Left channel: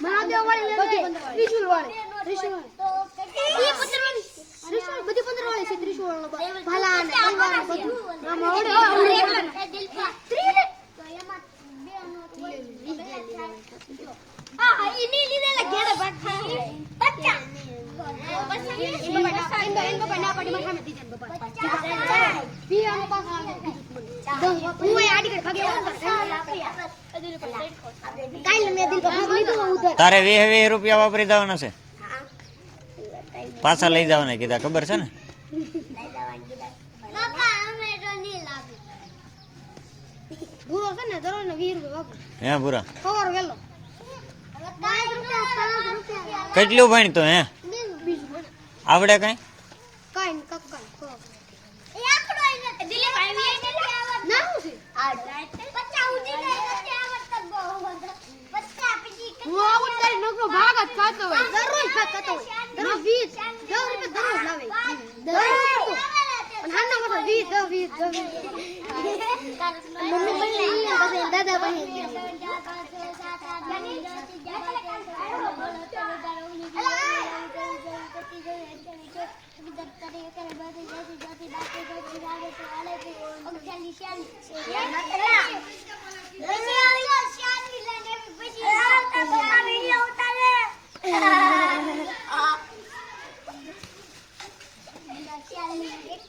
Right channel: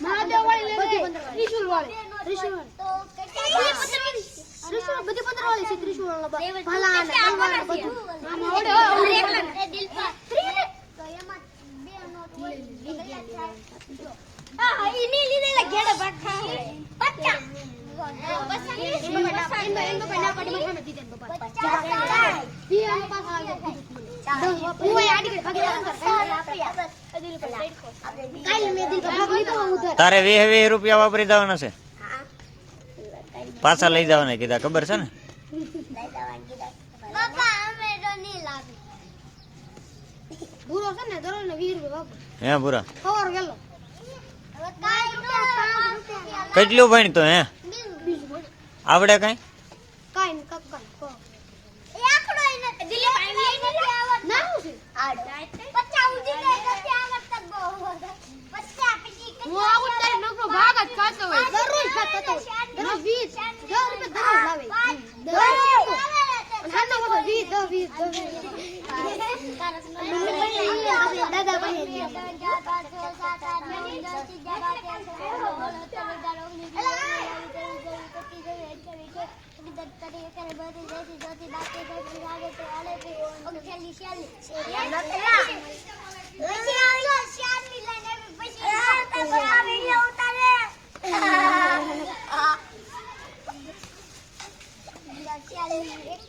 મહાદેવ વાળી ત્રિશુલ વાળી ત્રિશુલ ત્રિશુલ બધી પંદર વાળી છે ત્રિશુલ ભલા અને તલવાર ને બધું આમ આવડે ના ને હું આડી કરી ભાગે તારે વીસ વીસ રૂપિયા વાપરી દેવાના છે. પાછા લઈ જવાના કીધા ખબર છે ને? કેટલું અમે તો આવડે લાવી ભૂરો છે ને દરરોજ ને 20 રૂપિયા વાપર હે પૂરા સવાર વેલો 5 રૂપિયા 5 રૂપિયા કેટલું ભણતો હે બીજું બોલ આવડે કઈ કાઈ ને કક કાઈ કો એ આખડો એને દિલે ના હું છે પચ્ચા ઉજી ને પછી આવડત બહુ પચ્ચા પછી હું આવડત નકરો ભાગ જ ખાતો હોય હોય દરરોજ 20 10 રૂપિયા દરરોજ લાવે દરરોજ અને હાલના મોટો 20 10 20 મમ્મી પાસે લઈ પછી દાદા પાસે આ તો હાઈજી ઉતાલે આનો વિડિયો આવી ગયો તો બતાડો હાલ